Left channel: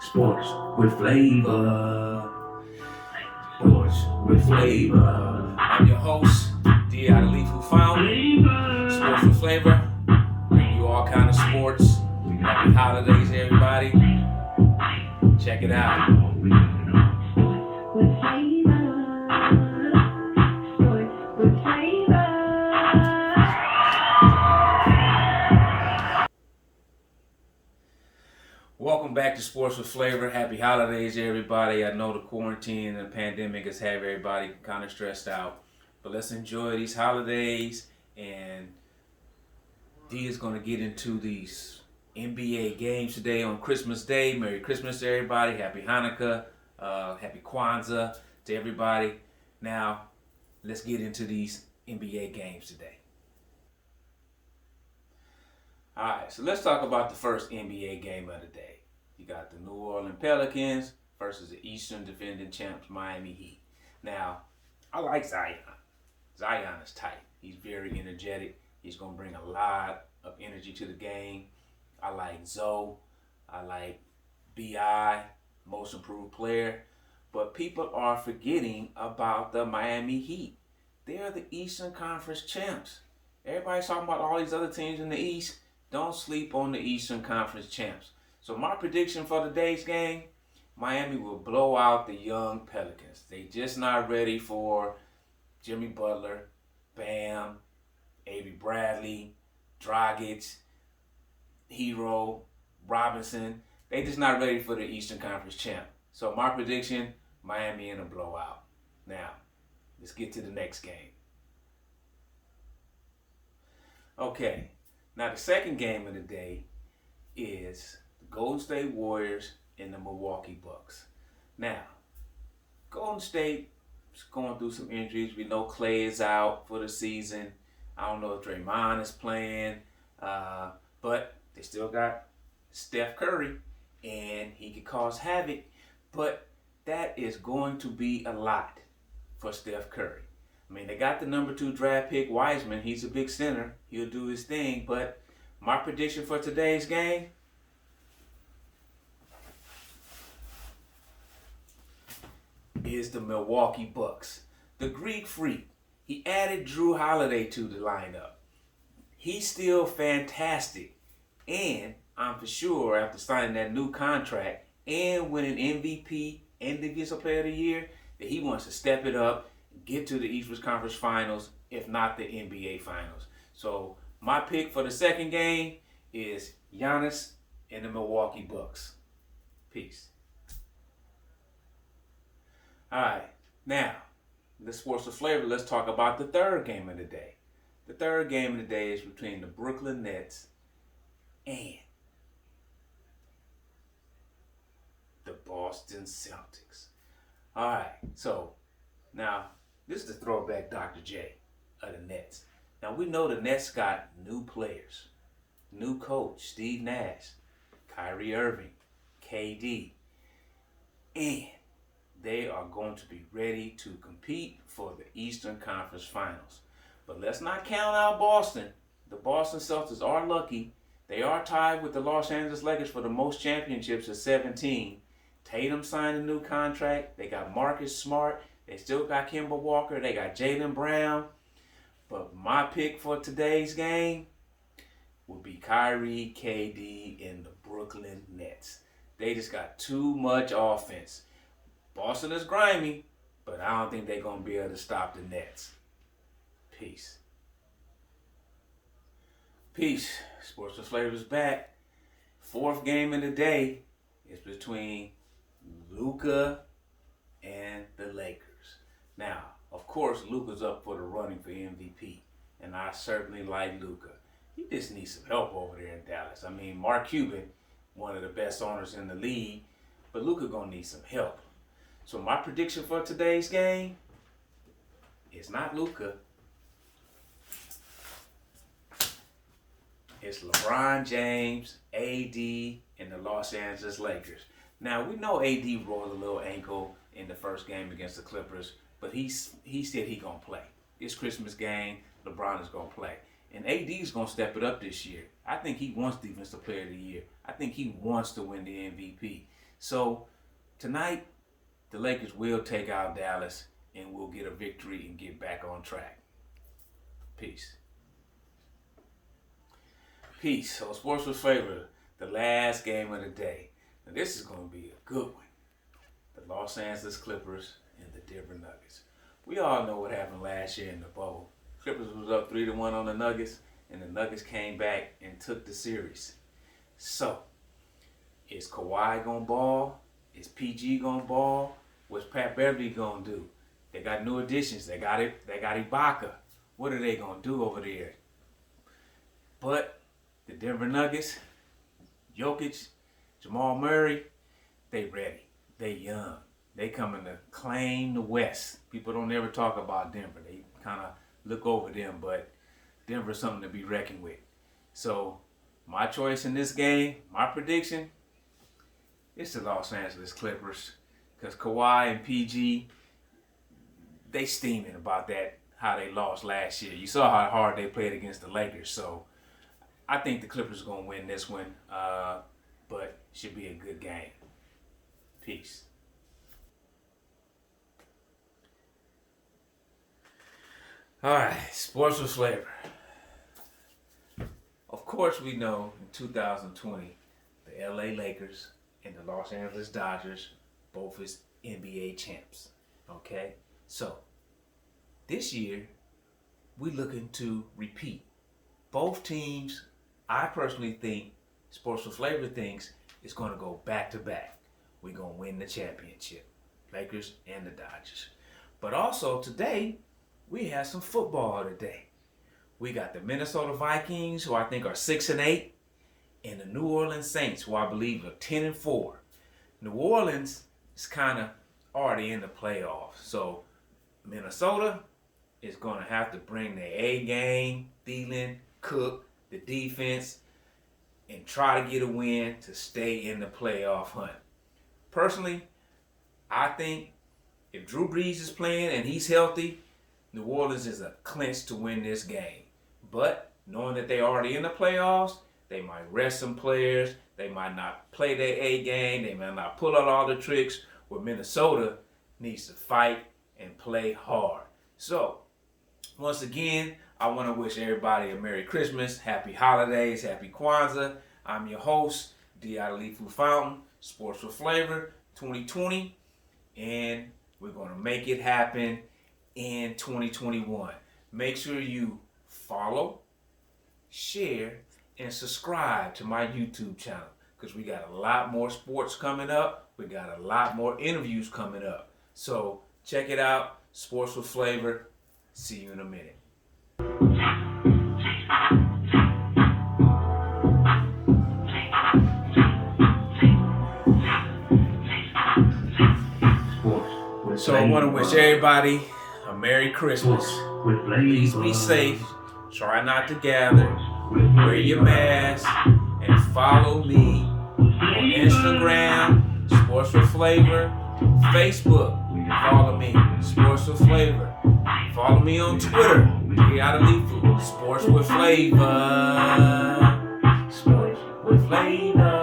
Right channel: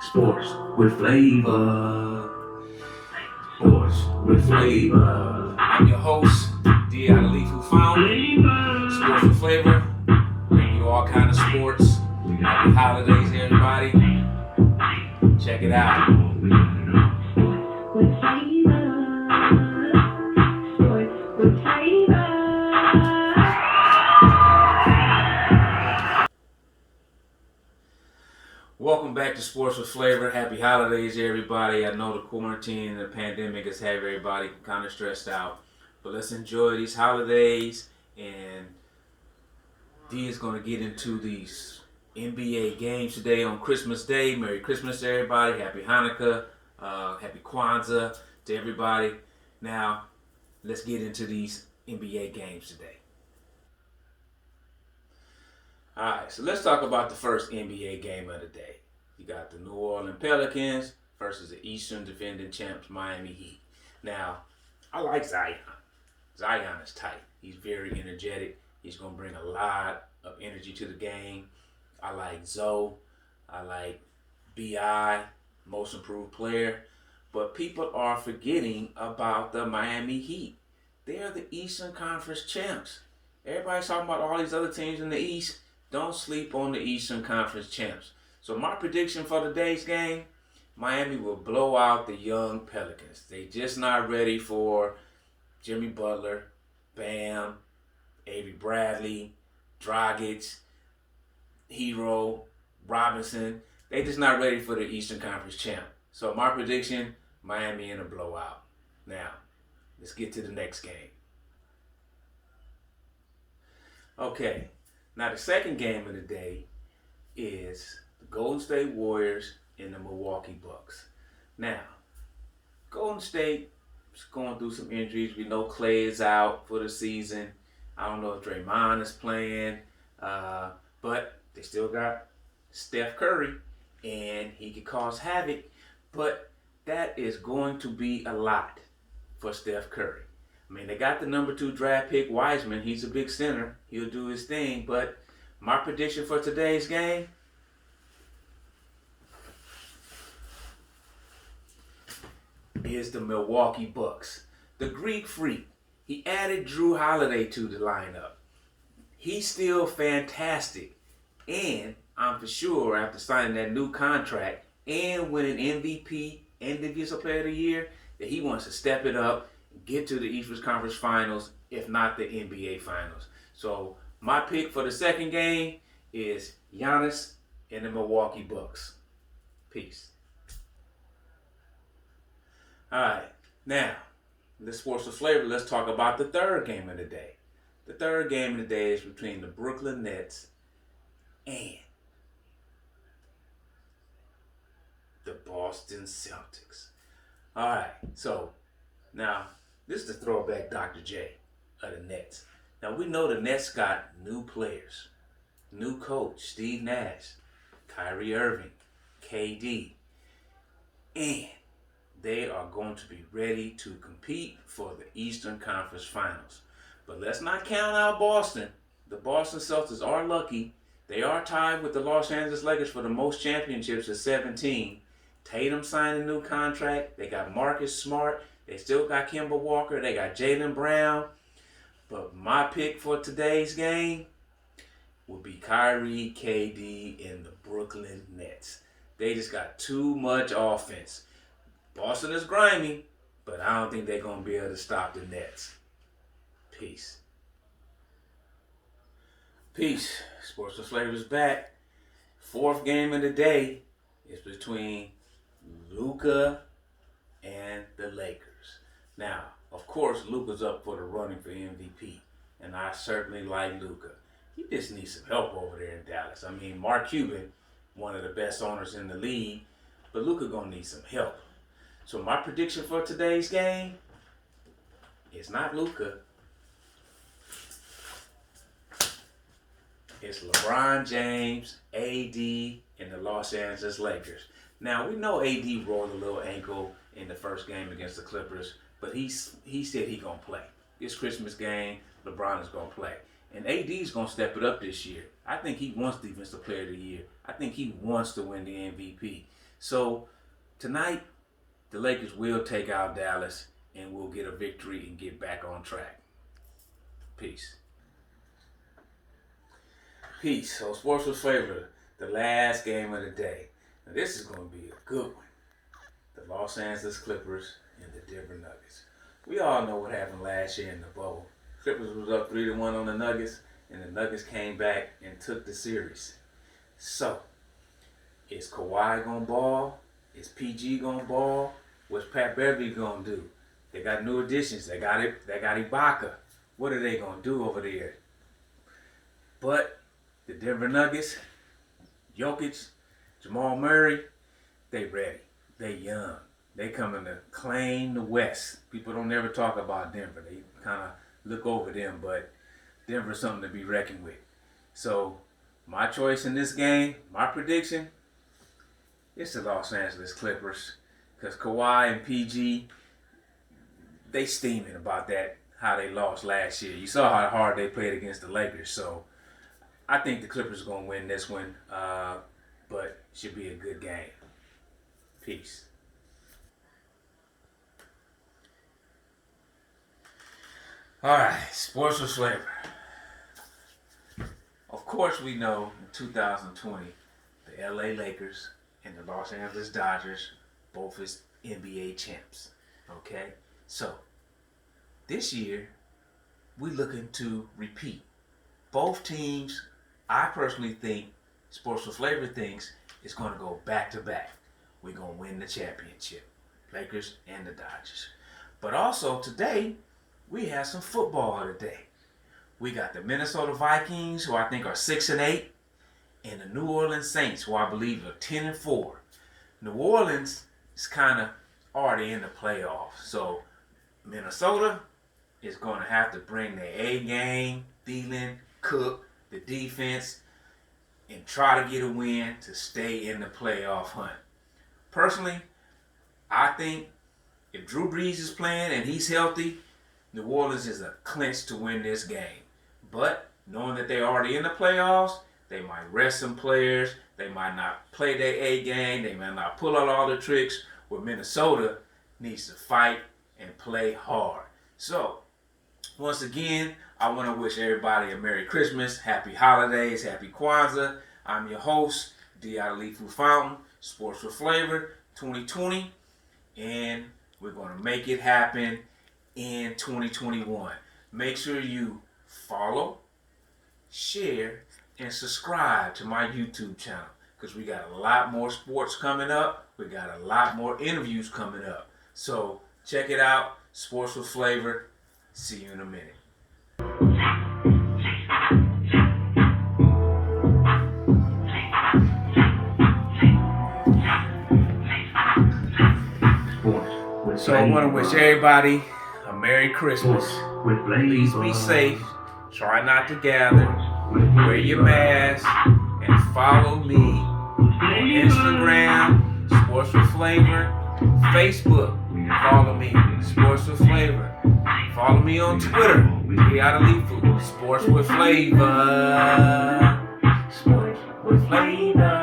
Sports with flavor. Sports with flavor. I'm your host, D. Adelifu Found. Sports with Flavor. Bring you all kind of sports. Happy holidays, everybody. Check it out. Welcome back to Sports with Flavor. Happy holidays, everybody. I know the quarantine and the pandemic has had everybody kind of stressed out, but let's enjoy these holidays. And D is going to get into these NBA games today on Christmas Day. Merry Christmas to everybody. Happy Hanukkah. Happy Kwanzaa to everybody. Now, let's get into these NBA games today. All right, so let's talk about the first NBA game of the day. You got the New Orleans Pelicans versus the Eastern defending champs Miami Heat. Now, I like Zion. Zion is tight. He's very energetic. He's going to bring a lot of energy to the game. I like Zoe. I like B.I., most improved player. But people are forgetting about the Miami Heat. They're the Eastern Conference champs. Everybody's talking about all these other teams in the East. Don't sleep on the Eastern Conference champs. So my prediction for today's game, Miami will blow out the young Pelicans. They just not ready for Jimmy Butler, Bam, Avery Bradley, Dragic, Hero, Robinson. They just not ready for the Eastern Conference champ. So my prediction, Miami in a blowout. Now, let's get to the next game. Okay. Now, the second game of the day is the Golden State Warriors and the Milwaukee Bucks. Now, Golden State is going through some injuries. We know Clay is out for the season. I don't know if Draymond is playing, but they still got Steph Curry, and he could cause havoc. But that is going to be a lot for Steph Curry. I mean, they got the number 2 draft pick, Wiseman. He's a big center. He'll do his thing. But my prediction for today's game, is the Milwaukee Bucks. The Greek Freak, he added Drew Holiday to the lineup. He's still fantastic. And I'm for sure, after signing that new contract and winning MVP and Defensive Player of the Year, that he wants to step it up, get to the Eastern Conference Finals, if not the NBA Finals. So my pick for the second game is Giannis and the Milwaukee Bucks. Peace. All right, now, let's Sports with Flavor. Let's talk about the third game of the day. The third game of the day is between the Brooklyn Nets and the Boston Celtics. All right, so now, this is the throwback Dr. J of the Nets. Now, we know the Nets got new players, new coach, Steve Nash, Kyrie Irving, KD, and they are going to be ready to compete for the Eastern Conference Finals. But let's not count out Boston. The Boston Celtics are lucky. They are tied with the Los Angeles Lakers for the most championships at 17. Tatum signed a new contract. They got Marcus Smart. They still got Kemba Walker. They got Jaylen Brown. But my pick for today's game would be Kyrie, KD, and the Brooklyn Nets. They just got too much offense. Boston is grimy, but I don't think they're going to be able to stop the Nets. Peace. Peace. Sports with Flavor is back. Fourth game of the day is between Luka and the Lakers. Now, of course, Luka's up for the running for MVP, and I certainly like Luka. He just needs some help over there in Dallas. I mean, Mark Cuban, one of the best owners in the league, but Luka gonna need some help. So my prediction for today's game is not Luka. It's LeBron James, AD, and the Los Angeles Lakers. Now, we know AD rolled a little ankle in the first game against the Clippers, but he said he's going to play. This Christmas game, LeBron is going to play. And AD is going to step it up this year. I think he wants Defensive Player of the Year. I think he wants to win the MVP. So tonight, the Lakers will take out Dallas and we'll get a victory and get back on track. Peace. Peace. So Sports with Flavor, the last game of the day. Now this is going to be a good one. The Los Angeles Clippers and the Denver Nuggets. We all know what happened last year in the bubble. Clippers was up 3-1 on the Nuggets, and the Nuggets came back and took the series. So, is Kawhi gonna ball? Is PG gonna ball? What's Pat Beverly gonna do? They got new additions. They got Ibaka. What are they gonna do over there? But the Denver Nuggets, Jokic, Jamal Murray, they ready. They young. They coming to claim the West. People don't ever talk about Denver. They kind of look over them, but Denver's something to be reckoned with. So my choice in this game, my prediction, it's the Los Angeles Clippers. Because Kawhi and PG, they steaming about that, how they lost last year. You saw how hard they played against the Lakers. So I think the Clippers are going to win this one, but should be a good game. Peace. All right, Sports with Flavor. Of course, we know in 2020, the LA Lakers and the Los Angeles Dodgers both is NBA champs. Okay? So, this year, we're looking to repeat. Both teams, I personally think, Sports with Flavor thinks, is going to go back to back. We're going to win the championship. Lakers and the Dodgers. But also, today, we have some football today. We got the Minnesota Vikings, who I think are 6-8, and the New Orleans Saints, who I believe are 10-4. New Orleans is kind of already in the playoffs, so Minnesota is going to have to bring their A game, Thielen, Cook, the defense, and try to get a win to stay in the playoff hunt. Personally, I think if Drew Brees is playing and he's healthy, New Orleans is a clinch to win this game. But knowing that they're already in the playoffs, they might rest some players. They might not play their A game. They might not pull out all the tricks. Where Minnesota needs to fight and play hard. So, once again, I want to wish everybody a Merry Christmas, Happy Holidays, Happy Kwanzaa. I'm your host, Dialifu Fountain, Sports with Flavor 2020. And we're going to make it happen in 2021. Make sure you follow, share, and subscribe to my YouTube channel because we got a lot more sports coming up. We got a lot more interviews coming up. So check it out, Sports with Flavor. See you in a minute. So I want to wish everybody a Merry Christmas. Please be safe. Try not to gather. Wear your mask. And follow me on Instagram, Sports with Flavor. Facebook, follow me, Sports with Flavor. Follow me on Twitter, Sports with Flavor. Sports with Flavor.